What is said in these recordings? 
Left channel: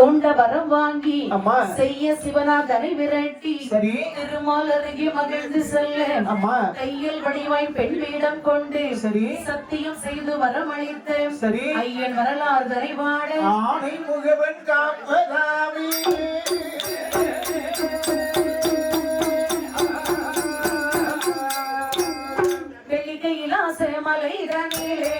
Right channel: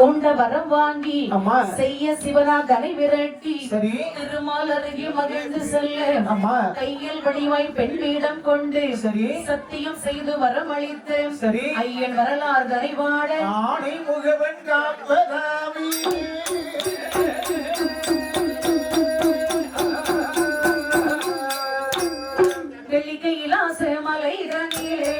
தூண்ட வரம் வாங்கி செய்ய சிவனா தடை விரட்டி திருமால் அருகே மகிழ்ந்து செல்ல கையில் வடிவாய் பெண் வேடம் கொண்டு சத்தியம் செய்து வரம் அளித்த ஐயன் வரலாறு தனிபாடு ஆணை முகவன் காப்பதாமே வெள்ளிக்கையில் ஆசை மலை தனிலே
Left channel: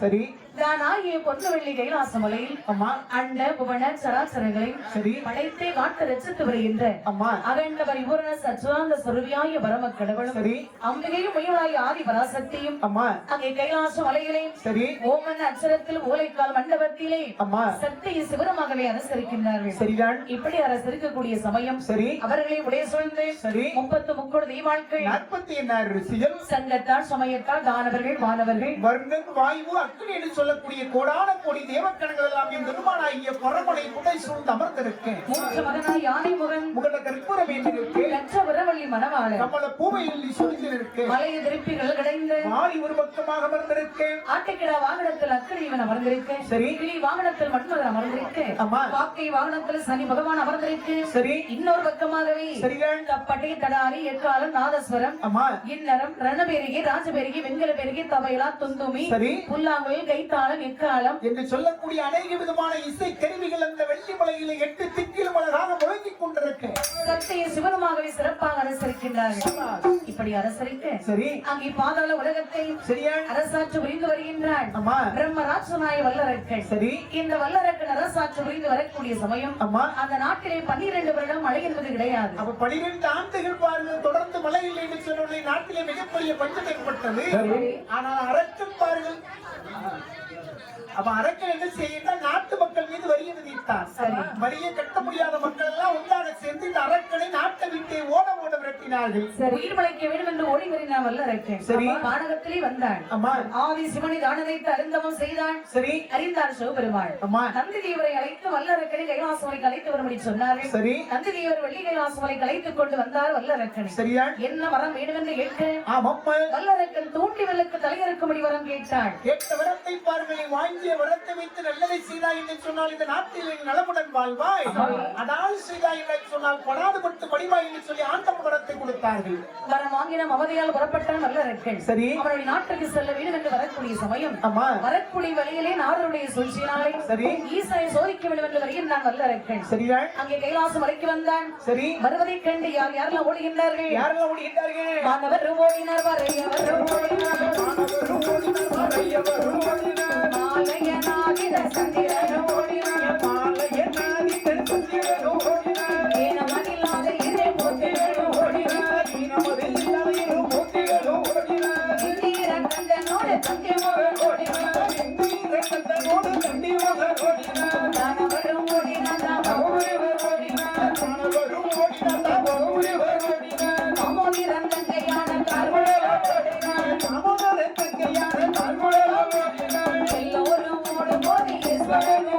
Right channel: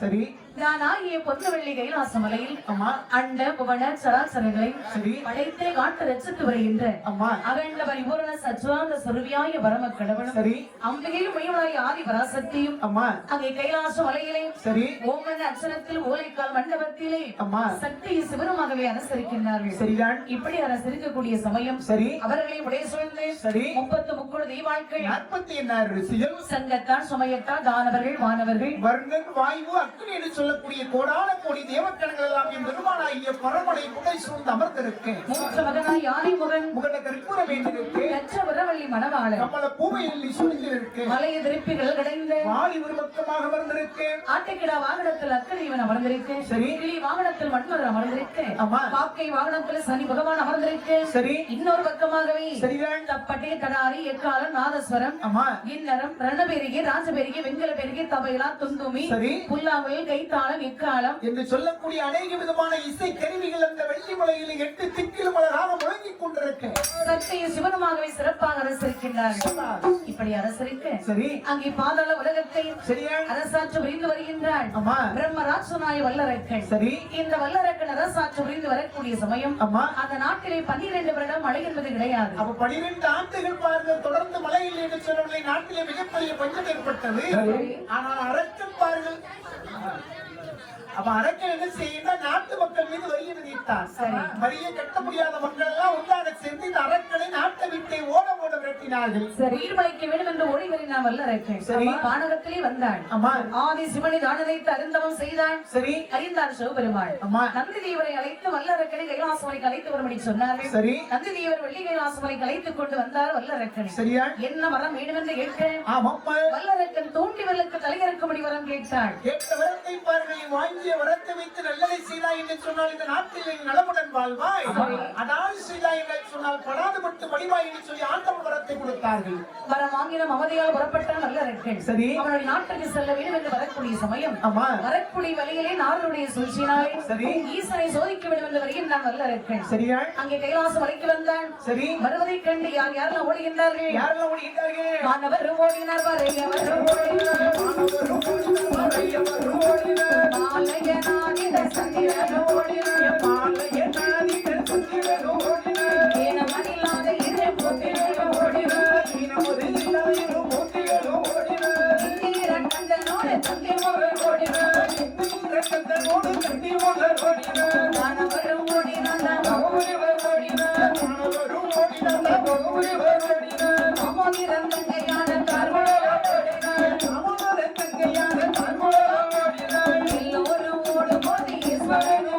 சரி நானாகிய பொன்னுவள்ளி கைலாசமலையில் அண்ட புவன சராசரங்களையும் அனைத்தை காட்டு ரசித்து வருகின்ற அகண்ட பரிபூர்ண சச்சுவாந்த சுரவியாய பரம கடவுள் அம்பிகையும் மையுனாய் ஆதி பராசக்தியும் அங்கே கைலாச மலையிலே ஓமன் அச்சரத்தில் ஓலைக்கால் மண்டபத்திலே சக்தியை சிவனமாகவே அரசரிக்கின்றார்கள் சரிதான். இப்படி அரசரிக்கக்கூடிய சமயம் அவர்களை உடைய சொல்ந்து 33 தெய்வாட்கள் 46 ரிஷிகள் சங்கத்தால் சமயத்தால் தானவர்கள் வானவர்கள் வர்ணன் வாயு அக்னி என்று சொல்லக்கூடிய கோடான கோடி தேவக்கணங்கள் எல்லாம் என் பெருமானாகிய பரமனை புகை சூழ்ந்து அமர்ந்திருக்கு. மூத்த மகனாய் யானை முகன் முகன கற்பூரம் ஏற்றிருக்கு. கற்ற வரவள்ளி மணவாளன் கமல பூவையில் சுழிந்திருக்கு. மலைய திருப்பிகள் கடைந்து வாணி ஒரு பக்கமாக அமர்ந்திருக்கு. ஆட்டுக்கிடா வாகனத்தில் அக்கறைவன் அமர்ந்திருக்கு. கிளி வாகனத்தில் மன்மதன் அமர்ந்திருக்கு. பாக்கை வாகனத்தில் சனி பகவான் அமர்ந்திருக்கு. இன்னொரு பக்கமாகவே தப்பட்டை தடாரி எக்காலம் நாதஸ்வரம் இன்னரம் ரணபெருகி ராஜபெருகி வெங்கல பெருகி தபைலா துந்துமி புல்லாங்குழல் கைத்தாளம் இக்காலம் என்று சொல்லக்கூடிய அநேக விதமான இசை கருவிகள் அந்த வெள்ளி மலையில் 8 திக்கிலும் அழகாக முழங்கிக் கொண்டிருக்கு. சக்தியை சிவனுமாகவே சிறப்பாக அரசரிக்கின்றார்கள். இப்படி அரசரிக்க அங்கே பாதாள உலகத்தை அரசாட்சி புரிந்து வருகின்றார் பிரம்மராட்சனாய வல்லரக்கன். இந்த வல்லரக்கன் அரசாட்சி புரிந்து வரக்கூடிய சமயம் அந்த நாட்டிலே 12 வருடம் மழை என்பது கிடையாது. அப்ப 12 ஆண்டுகள் பாருங்கள் தொடர்ந்து மழை இல்லை என்று சொன்ன நாட்டிலே மிகப்பெரிய பஞ்சம் ஏற்பட்டது. ஆனால் அரக்கன் பாருங்கள், அப்ப அரக்கன் என்ன செய்யணும், நாட்டு மக்கள் மீது வரியை விதித்தான். வரியை கட்ட முடியாத மக்கள் எல்லாம் ஒன்றாக சேர்ந்து இந்த அரக்கனை நாட்டை விட்டு ஓட விரட்டினார்கள். உயிர் பிழைக்க வேண்டும் என்று ஓடி வருகிறான் வல்லரக்கன். சரி. வானகத்திலே வந்தான். அம்மா ஆதி சிவனை தானதைத்து அருந்தவம் செய்தான். சரி. அறிந்தார் சிவபெருமாள். அம்மா நந்தி தேவரை அழைத்து வல்லரக்கனை கைலாசமலை அழைத்து வரும்படி சொன்னார்கள். சரி. நந்தி தேவர் வெள்ளி கைலாசமலை அழைத்துக் கொண்டு வந்தார் வல்லரக்கனை. சரியா? என்ன வரம் வேண்டும் என்று கேட்க ஆமப்பா வல்லரக்கன் தோண்டிவலுக்கு தலையிறக்கும்படி வரம் கேட்டாள். கேட்ட வரத்தை பாருங்கள், நீ வாங்கிய வரத்தை வைத்து நல்லதை செய்தாய் என்று சொன்னால் இந்த நாட்டில் நீ நலமுடன் வாழ்வாய். அதாவது செய்தாய் என்று சொன்னால் படாதுபட்டு படிவாய் என்று சொல்லி ஆண்டவன் வரத்தை கொடுத்தார்கள். வரம் வாங்கின மமதையால் புறப்பட்டான் வல்லரக்கன். சரி. அவருடைய நாட்டுக்கு செல்ல வேண்டும் என்று வரக்கூடிய சமயம் அம்மா வரக்கூடிய வழியிலே நாரருடைய சூழ்ச்சியினாலே சரி. ஈசனை சோதிக்க வேண்டும் என்று வருகின்றான் வல்லரக்கன். சரியா? அங்கே கைலாசம் வரைக்கும் வந்தான். சரி. வருவதை கண்டு யாரெல்லாம் ஓடுகின்றார்கள்? யாரெல்லாம் ஓடுகின்றார்கள்? மாணவர் ஓடினார், வரையவர் ஓடினார், மாலையனாகிற சந்திரன் ஓடினார், ஏனமனில்லாத இறை போற்றிகள் ஓடினார், இந்திர கந்தனோடு தங்கி மகன் ஓடினார், மாணவரும் ஓடினார், அமோனிரம் தங்கையான கார்மணல் ஓடினார், எல்லோரும் ஓடும்போது ஈஸ்வரன்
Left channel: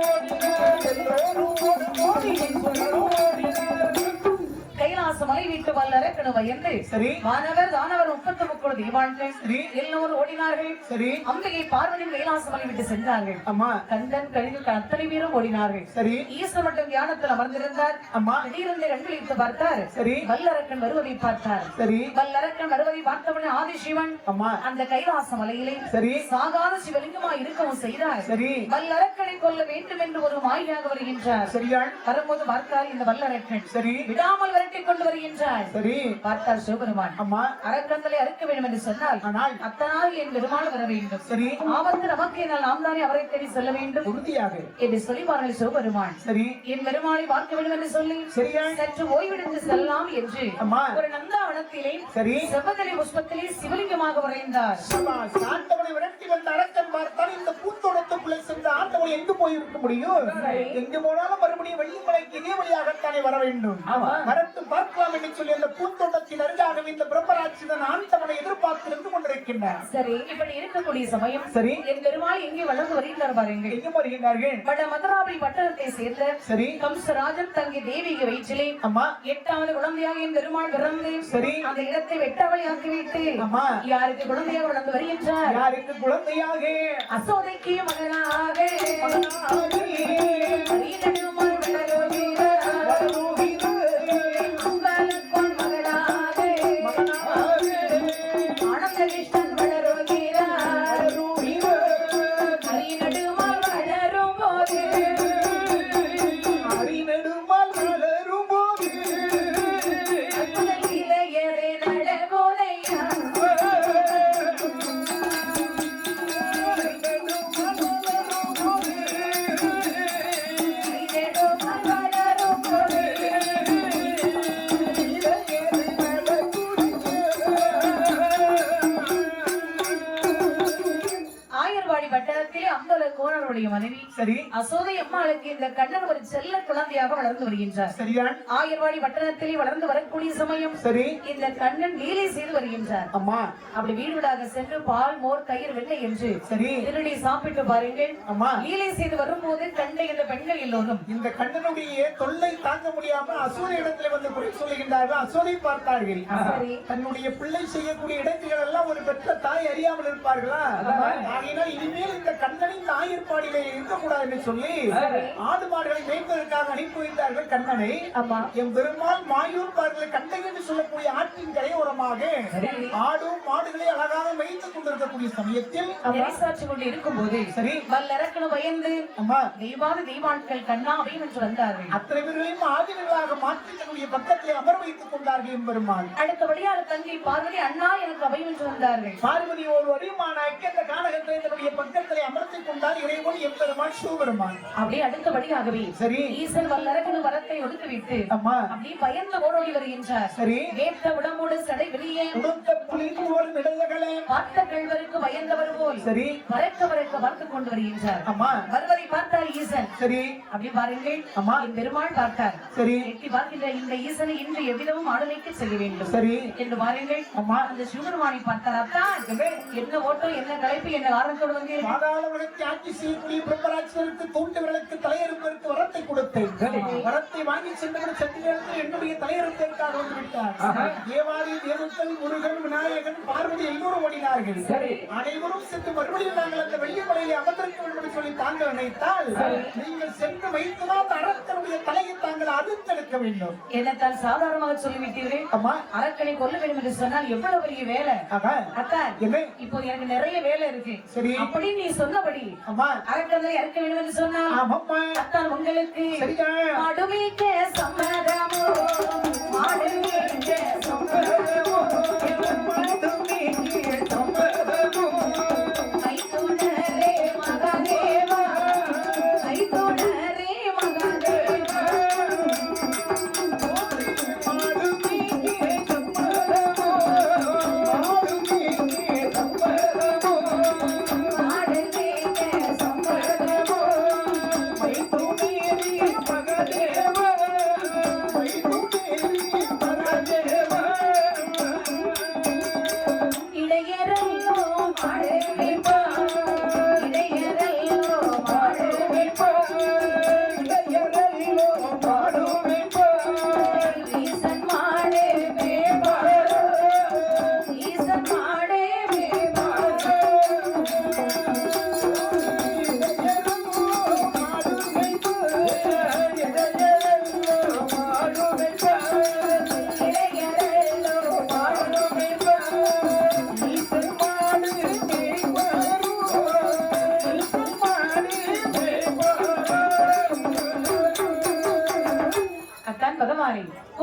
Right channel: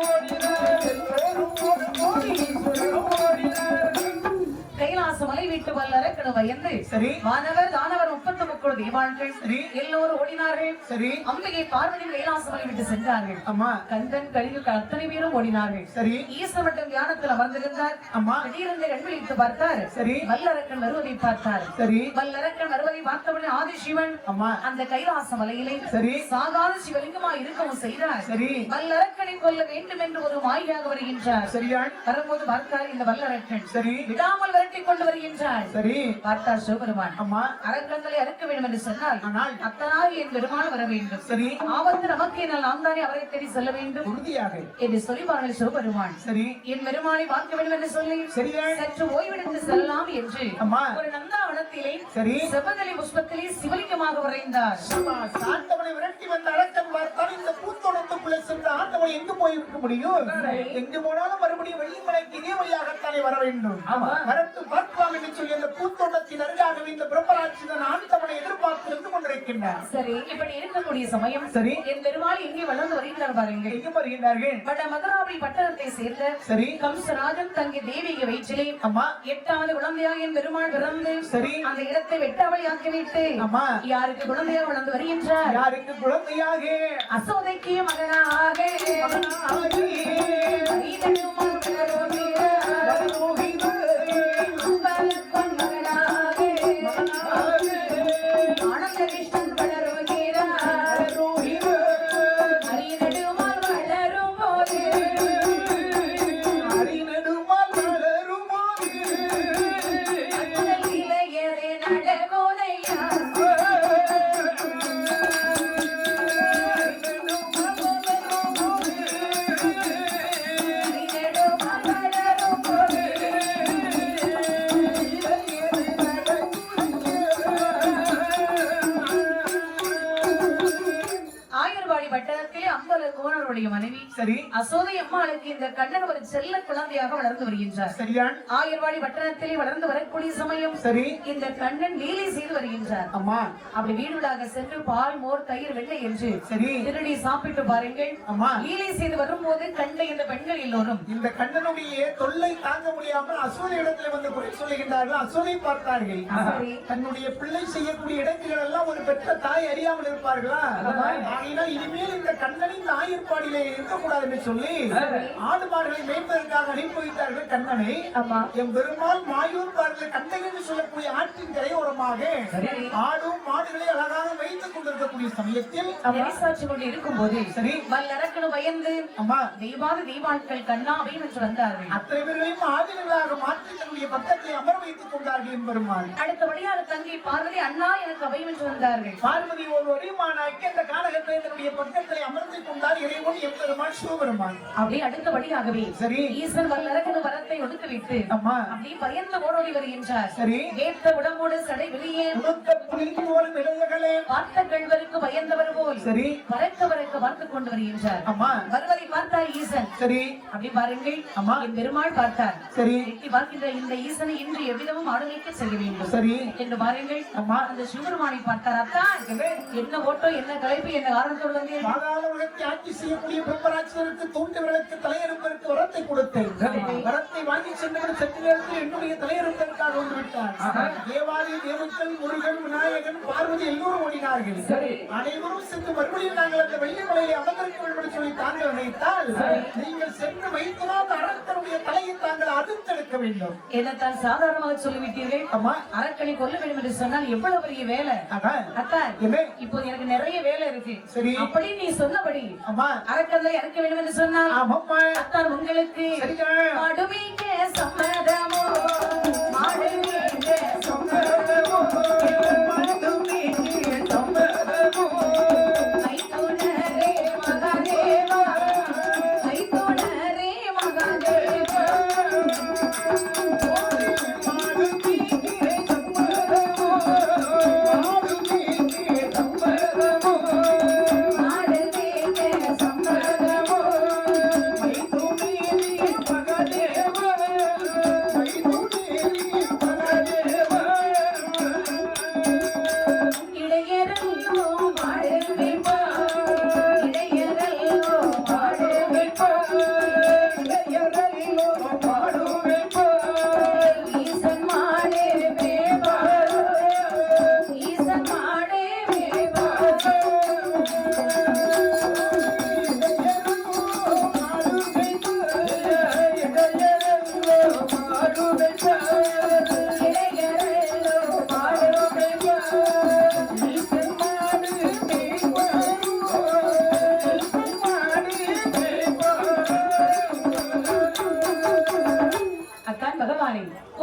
கைலாசம் மலை வீட்டு வல்லரக்கன் பயந்து சரி. மாணவர் தானவர் 33 தெய்வான்கள் சரி. எல்லோரும் ஓடினார்கள். சரி. அம்பிகை பார்வதி கைலாசம் மலை விட்டு சென்றார்கள். அம்மா கந்தன் கழிவுக்கு அத்தனை பேரும் ஓடினார்கள். சரி. ஈஸ்வர மட்டும் தியானத்தில் அமர்ந்திருந்தார். அம்மா திடீரென்று கண் விழித்து பார்த்தார். சரி. வல்லரக்கன் வருவதை பார்த்தார். சரி. வல்லரக்கன் வருவதை பார்த்தவுடனே ஆதிசிவன் அம்மா அந்த கைலாச மலையிலே சரி. சாகாத சிவலிங்கமாய் இருக்கவும் செய்தார். சரி. வல்லரக்கனை கொல்ல வேண்டும் என்று ஒரு மாயாக வருகின்றார். சரியா? வரும்போது பார்த்தார் இந்த வல்லரக்கன் சரி. விடாமல் விரட்டி கொண்டு வருகின்றார். சரி. பார்த்தார் சிவபெருமான். அம்மா அரக்கங்களை அறுக்க வேண்டும் என்று சொன்னால் ஆனால் அத்தனாக என் பெருமாள் வர வேண்டும். சரி. ஆபத்து நமக்கு என்னால் நாம் தானே அவரை தேடி செல்ல வேண்டும் உறுதியாக என்று சொல்லி பாருங்கள் சிவபெருமான். சரி. என் பெருமாளை பார்க்க வேண்டும் என்று சொல்லி சரியா? சற்று ஓய்வெடுத்து செல்லலாம் என்று அம்மா ஒரு நந்தாவனத்திலே சரி. செவ்வதலி புஷ்பத்திலே சிவலிங்கமாக வரைந்தார். ஆண்டவனை விரட்டி வந்த அரக்கன் பார்த்தால் இந்த பூத்தோட்டத்துக்குள்ளே சென்ற ஆண்டவனை எங்கு போயிருக்க முடியும்? எங்கு போனாலும் மறுபடியும் வெள்ளிமலைக்கு இதே வழியாகத்தானே வர வேண்டும். வரட்டு பார்க்கலாம் என்று சொல்லி அந்த பூத்தோட்டத்தின் அருகாகவே இந்த பிரம்மராட்சிதன் ஆண்டவனை எதிர்பார்த்து இருந்து கொண்டிருக்கின்றார். சரி, இப்படி இருக்கக்கூடிய சமயம் சரி. என் பெருமாள் எங்கே வளர்ந்து வருகிறார் பாருங்கள். எங்கு வருகிறார்கள்? வட மதுராபுரி பட்டணத்தை சேர்ந்த சரி. கம்சராஜன் தங்கி தேவிக வயிற்றிலே அம்மா 8வது குழந்தையாக என் பெருமாள் பிறந்து சரி. அந்த இடத்தை வெட்டாவளி ஆக்கிவிட்டு அம்மா யாருக்கு குழந்தையாக வளர்ந்து வருகின்றார்? யாருக்கு குழந்தையாக? அசோதைக்கு மகனாக ஆகி அரியணையுமாய் வளருகிறார். அம்பலப்பன் மகனாக ஆனந்தகிருஷ்ணன் வளருகிறார். அரியணையுமாய் வளரும் போது இளையரே நடகோதையா ஆயர்வாடி வட்டாரத்திலே அம்பல கோணருடைய மனைவி சரி. அசோதை அம்மாளுக்கு இந்த கண்ணன் ஒரு செல்ல குழந்தையாக வளர்ந்து வருகின்றார். சரியா? ஆயர்வாடி வட்டாரத்திலே வளர்ந்து வரக்கூடிய சமயம் சரி. இந்த கண்ணன் லீலை செய்து வருகின்றார். அம்மா அப்படி வீடுடாக சென்று பால் மோர் தயிர் வெண்ணெய் என்று சரி. திருடி சாப்பிட்டு பாருங்கள். அம்மா லீலை செய்து வரும்போது கண்ட இந்த பெண்கள் எல்லோரும் இந்த கண்ணனுடைய தொல்லை தாங்க முடியாமல் அசுர இடத்துல வந்து குறை சொல்லுகின்றார்கள். அசுரை பார்த்தார்கள். சரி. தன்னுடைய பிள்ளை செய்யக்கூடிய இடங்கள் எல்லாம் ஒரு பெற்ற தாய் அறியாமல் இருப்பார்களா? ஆகையினால் இனிமேல் இந்த கண்ணனின் ஆயர்பாடியிலே இருக்கக்கூடாது என்று சொல்லி ஆடு மாடுகளை மேய்ப்பதற்காக அனுப்பி வைத்தார்கள் கண்ணனை. அம்மா என் பெருமாள் மாயூர் பார்கள் கண்ணன் என்று சொல்லக்கூடிய ஆற்றின் கரையோரமாக ஆடும் மாடுகளை அழகாக வைத்துக் கொண்டிருக்கக்கூடிய சமயத்தில் நெறிசாட்சி கொண்டு இருக்கும்போது சரி. வல்லரக்கனு பயந்து அம்மா தெய்வாத தெய்வான்கள் கண்ணாவை என்று வந்தார்கள். அத்தனை பேர்களையும் ஆதிகளாக மாற்றி தன்னுடைய பக்கத்தில் அமர் வைத்துக் கொண்டார்கள் என் பெருமாள். அடுத்தபடியாக தங்கை பார்வதி அண்ணா எனக்கு அவை என்று வந்தார்கள். பார்வதி ஒரு வடிவமான இந்த கானகத்தை தன்னுடைய பக்கத்தில் அமர்த்திக் கொண்டால் இறைவன் என் பெருமாள் சிவபெருமான். அப்படியே அடுத்தபடியாகவே சரி. ஈசன் வல்லரக்கனு வரத்தை ஒடுத்துவிட்டு அம்மா அப்படி பயந்து ஓடோடி வருகின்றார். சரி. கேட்ட உடம்போடு சடை வெளியே உடுத்த புலிந்து போலும் இடையகளே பார்த்த கள்வருக்கு பயந்தவர் போல் சரி. பறக்க பார்த்து கொண்டு வருகின்றார். அம்மா வருவதை பார்த்தார் ஈசன். சரி. அப்படி பாருங்கள். அம்மா. என் பெருமாள் பார்த்தார். சரி. எட்டி பார்க்கின்ற இந்த ஈசனை இன்று எவ்விதமும் ஆளுமைக்கு செய்ய வேண்டும் சரி. என்று பாருங்கள். அம்மா. அந்த சிவபெருமானை பார்த்தார். அத்தான் என்ன ஓட்டம் என்ன கலைப்பு என்ன காரணத்தோடு வந்து பாதாள உலகத்தை ஆட்சி செய்யக்கூடிய பிரம்மராட்சியருக்கு தோன்றியவர்களுக்கு தலையறுப்பதற்கு வரத்தை கொடுத்தேன். வரத்தை வாங்கி சென்றவர் சற்று நேரத்தில் என்னுடைய தலையறுப்பதற்காக வந்து விட்டார். தேவாதி தேவர்கள் முருகன் விநாயகன் பார்வதி எல்லோரும் ஓடினார்கள். அனைவரும் சென்று மறுபடியும் நாங்கள் அந்த வெள்ளிமலையை அமர்ந்திருக்க சொல்லி தாங்கள் நினைத்தால் நீங்கள் சென்று வைத்துதான் அரக்கனுடைய தலையை தாங்கள் அறுத்தெடுக்க வேண்டும். இதைத்தான் சாதாரணமாக சொல்லிவிட்டீர்கள். அம்மா அரக்கனை கொல்ல வேண்டும் என்று சொன்னால் எவ்வளவு பெரிய வேலை. அத்தான் இப்போ எனக்கு நிறைய வேலை இருக்கு. சரி. அப்படி நீ சொன்னபடி அம்மா அரக்கனை அறுக்க வேண்டும் என்று சொன்னால் ஆமாம்மா அத்தான் உங்களுக்கு சரிங்க. மாடுமேய்க்க சம்மதமோ மாடுமேய்க்க சம்மதமோ மாடுமேய்க்க சம்மதமோ ஐதோனரே மகாதேவா ஐதோனரே மகாதேவா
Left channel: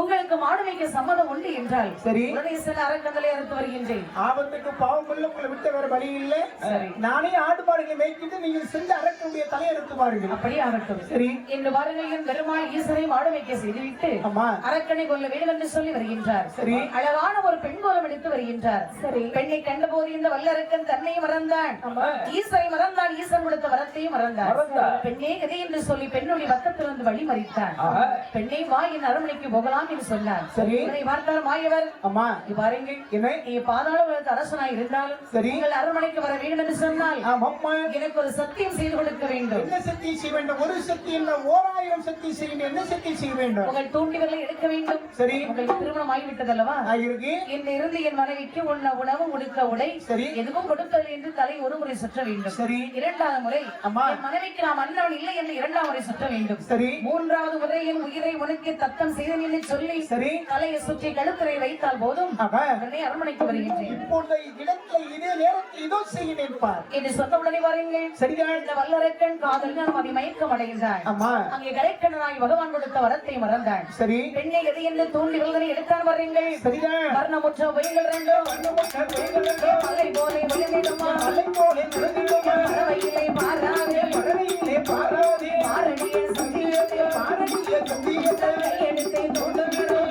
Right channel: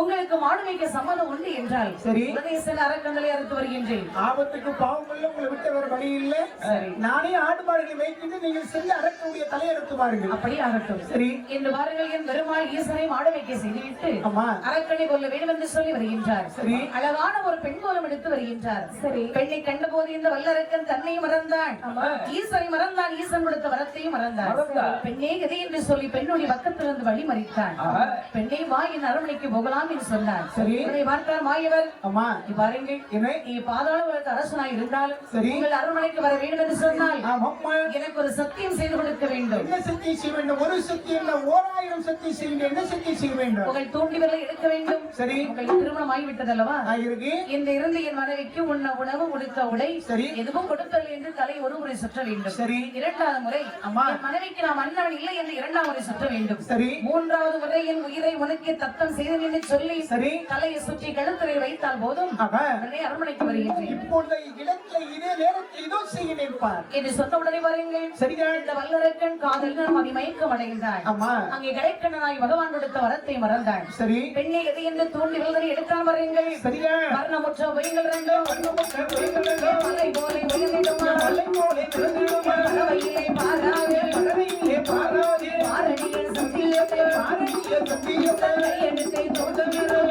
உங்களுக்கு மாடுமைக்கு சம்மதம் உண்டு என்றால் சரி. உடனே சென்று அரக்கந்தலை அறுத்து வருகின்றேன். ஆபத்துக்கு பாவம் கொள்ள உங்களை விட்ட வேற வழி இல்லை. நானே ஆடு மாடுகளை மேய்க்கிட்டு நீங்கள் சென்று அரக்கனுடைய தலையெடுத்து பாருங்கள். அப்படி ஆகட்டும். சரி. இந்த வாருங்கள் என் பெருமாள் ஈசனை மாடுமைக்க செய்துவிட்டு அம்மா அரக்கனை கொல்ல வேண்டும் என்று சொல்லி வருகின்றார். சரி. அழகான ஒரு பெண் கோலம் எடுத்து வருகின்றார். சரி. பெண்ணை கண்டபோது இந்த வல்லரக்கன் தன்னை மறந்தான், ஈசனை மறந்தான், ஈசன் கொடுத்த வரத்தையும் மறந்தான். பெண்ணே எதை என்று சொல்லி பெண்ணுடைய பக்கத்திலிருந்து வழி மறித்தான். பெண்ணை வா என் அரண்மனைக்கு போகலாம் என்று சொன்னார். சரி. இவனை பார்த்தார் மாயவர். அம்மா பாருங்கள், நீ பாதாள உலகத்து அரசனாய் இருந்தாலும் சரி. உங்கள் அரண்மனைக்கு வர வேண்டும் என்று சொன்னால் ஆமாம்மா எனக்கு ஒரு சத்தியம் செய்து கொடுக்க வேண்டும். என்ன சத்தியம் செய்ய வேண்டும்? ஒரு சத்தியம் இல்ல 1000 சத்தியம் செய்ய வேண்டும். என்ன சத்தியம் செய்ய வேண்டும்? உங்கள் தூண்டிவர்களை எடுக்க வேண்டும். சரி. உங்களுக்கு திருமணம் ஆகிவிட்டது அல்லவா? ஆகிருக்கு. இந்த இருந்து என் மனைவிக்கு உண்ண உணவு உடுக்க உடை சரி. எதுவும் கொடுப்பதில்லை என்று தலை ஒரு முறை சுற்ற வேண்டும். சரி. இரண்டாவது முறை அம்மா என் மனைவிக்கு நாம் அண்ணன் இல்லை என்று இரண்டாவது முறை சுற்ற வேண்டும். சரி. மூன்றாவது முறை என் உயிரை உனக்கு தத்தம் செய்தேன் என்று சொல்லி சரி. தலையை சுற்றி கழுத்தரை வைத்தால் போதும் உடனே அரண்மனைக்கு வருகின்றேன். இப்பொழுது இடத்துல இதே நேரத்தில் இதோ செய்ய நினைப்பார் என்று சொன்ன உடனே வாருங்கள். சரிங்க. இந்த வல்லரக்கன் காதல் நாம் மயக்கம் அடைகின்றான். அம்மா அங்கே கடைக்கண்ணனாய் பகவான் கொடுத்த வரத்தை மறந்தான். சரி. பெண்ணை எது என்று தூண்டி விழுதனை எடுத்தான் வருங்கள். சரிங்க. வர்ணமுற்ற வயங்கள் ரெண்டும் மலை போல விழுந்திடுமா, பறவையிலே பாராது, மாரடிய சத்தியத்தை கையெடுத்தை தோன்றுகிறோம்,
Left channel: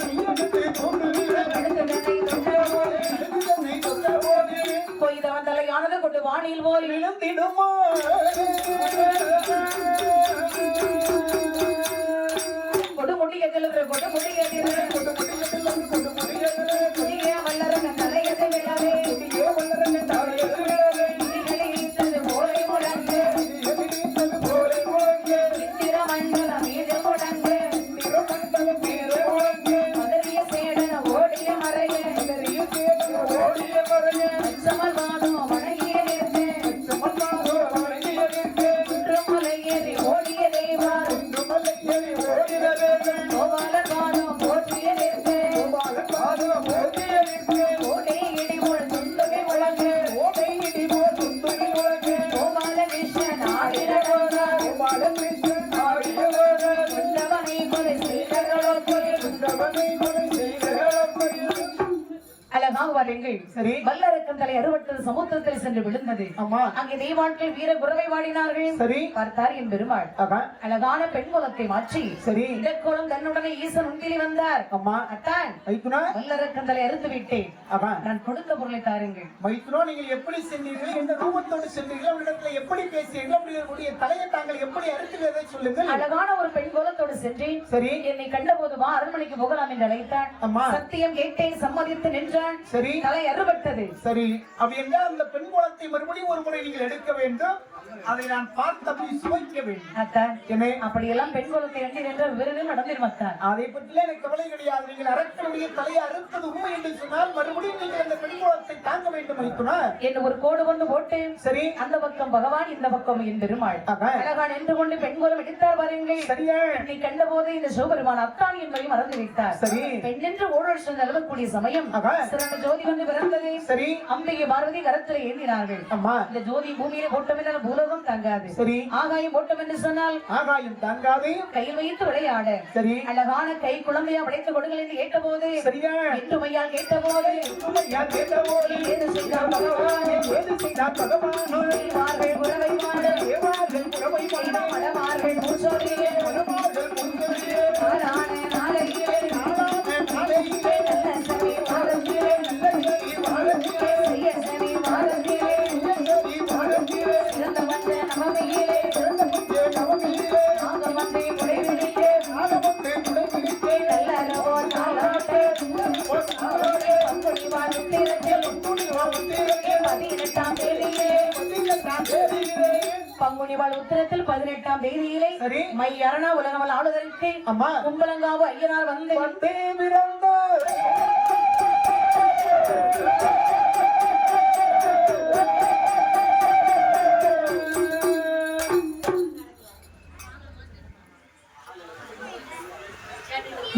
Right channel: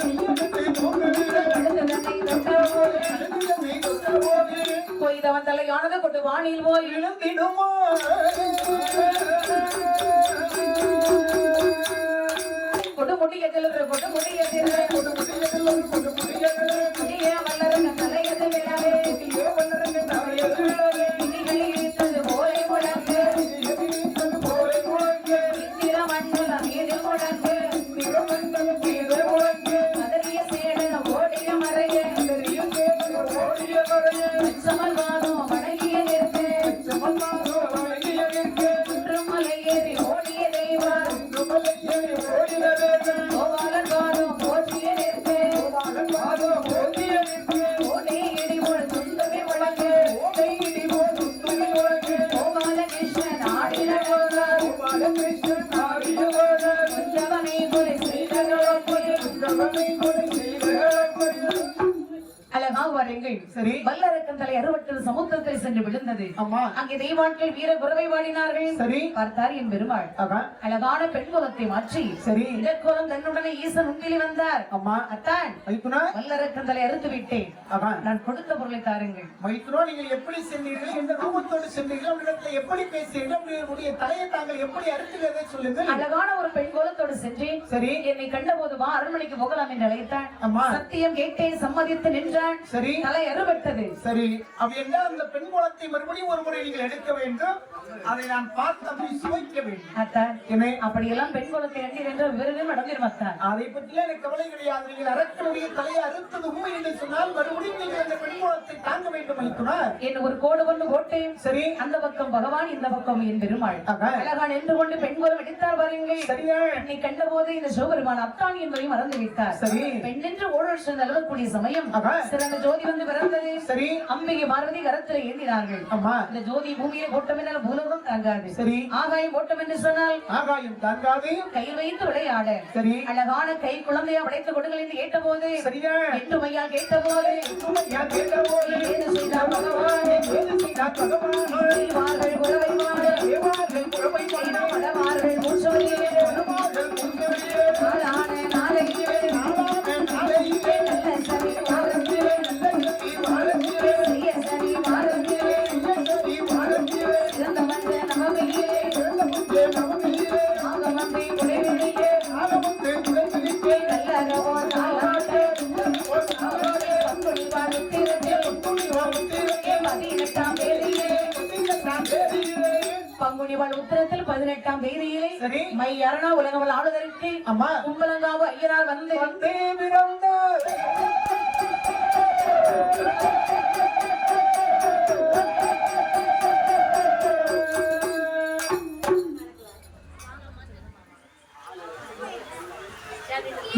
கொய்தவன் தலையானது கொண்டு வானில் போய் விழுந்திடுமா கொடுமுடிய செல்லுகிற கொடுமுடிய புதிய வல்லரங்க தலையது விழவே புதிகளை இழுத்தது போலை முழங்கு இந்திர மண்டல மீது முழங்கு மதறிய சேடன ஓடிய மறைய சமல்வாதம் வணங்கிய நிறுத்து சுற்றுமலை ஏறி ஓடிய தேவார் கோபாலன் வாதம் போற்றிய நிறுத்து ஓடை இடி போல் துந்துவி முழங்கு கோபால கிருஷ்ணன் ஆடின கொண்டவனை கொலை செய்தவர்களுக்கு அழகான வாருங்கள். சரி. வல்லரக்கந்தலை அறுபட்டது சமுத்திரத்தில் சென்று விழுந்தது. அம்மா. அங்கே தெய்வாட்கள் வீர குரவை வாடினார்கள். சரி. பார்த்தார் என் பெருமாள் அழகான பெண் குலத்தை மாற்றி சரி இடக்கோலம் தன்னுடனே ஈசன் முன்பில் வந்தார். அம்மா. அத்தான் மைத்துனா வல்லரக்கந்தலை அறுத்து விட்டேன், நான் கொடுத்த பொருளை தாருங்கள். மைத்துனா நீங்கள் எப்படி சென்றீர்கள், எந்த ரூபத்தோடு சென்றீர்கள், அவரிடத்துல எப்படி பேசுறீர்கள், உங்களுடைய தலையை தாங்கள் எப்படி அறுக்கிறதை சொல்லுங்கள். அழகான ஒரு பெண் கோலத்தோடு சென்றேன். சரி. என்னை கண்ட போதுமா அரண்மனைக்கு போகலாம் என்று அழைத்தான். அம்மா. சத்தியம் கேட்டேன், சம்மதித்து நின்றான். சரி. தலை அறுபட்டது. சரி. அப்படி என்றால் அந்த பெண் கோலத்தை மறுபடியும் ஒரு முறை நீங்கள் எடுக்க வேண்டும், அதை நான் பார்த்து அப்படி சுவைக்க வேண்டும். அத்தான் அப்படியெல்லாம் பெண் குலத்தை எண்ணி என்ற விருது நடந்திருமத்தான். அதை பற்றியே எனக்கு கவலை கிடையாது. நீங்கள் அரக்கனுடைய தலையை அறுத்தது உண்மை என்று சொன்னால் மறுபடியும் நீங்கள் அந்த பெண் குலத்தை தாங்க வேண்டும் என்று ஒரு கோடு கொண்டு போட்டு சரி அந்த பக்கம் பகவான், இந்த பக்கம் என் பெருமாள் அழகான் என்று கொண்டு பெண் குலம் எடுத்தார் பாருங்கள். சரியா? என்னை கண்ட போது இந்த சிவபெருமான் அத்தான் என்பதை மறந்து விட்டார். சரி. பெண் என்று ஓடல் நிலவக்கூடிய சமயம் சிறந்த ஜோதி வந்து பிறந்தது. சரி. அம்பிகை பார்வதி கரத்தில் ஏந்தினார்கள். அம்மா. இந்த ஜோதி பூமியில போட்டம் என்றால் பூலோகம் தாங்காது. சரி. ஆகாயம் போட்டம் என்று சொன்னால் ஆகாயம் தாங்காது. கையில் வைத்து விளையாட சரி. அழகான கை குழந்தையா படைத்து கொடுங்கள் என்று கேட்ட போது சரியா? எட்டுமையா கேட்ட போது ஏது செய்தார் பகவான், செய்வார்கள் உறவை வாட, மடவார்கள் மூச்சோரியே, நாளான நாளையே, நல்ல சரி வாரத்திலே, செய்ய சரி வாரத்திலே, சிறந்த வந்த நவமியிலே, நாக வந்தை புடைவிடியே, நல்லறவோ நாளாட்டே, பங்குனி வாழ்த்திரத்தில் 18ஆம் தேதியிலே, பங்குனி வாழ் உத்திரத்தில் 18ஆம் தேதியிலே மை அரணா உலகவல் ஆளுதற்கு அம்மா கும்பலங்காவு ஐயனார் வந்து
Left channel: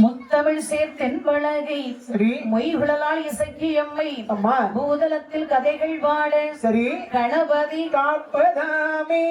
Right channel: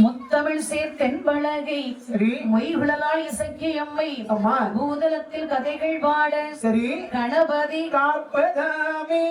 முத்தமிழ் சேர்த்தென்பழகை மொய்குழலால் இசைக்கு எம்மை அம்மா பூதலத்தில் கதைகள் பாட சரி கணபதி காப்பதாமே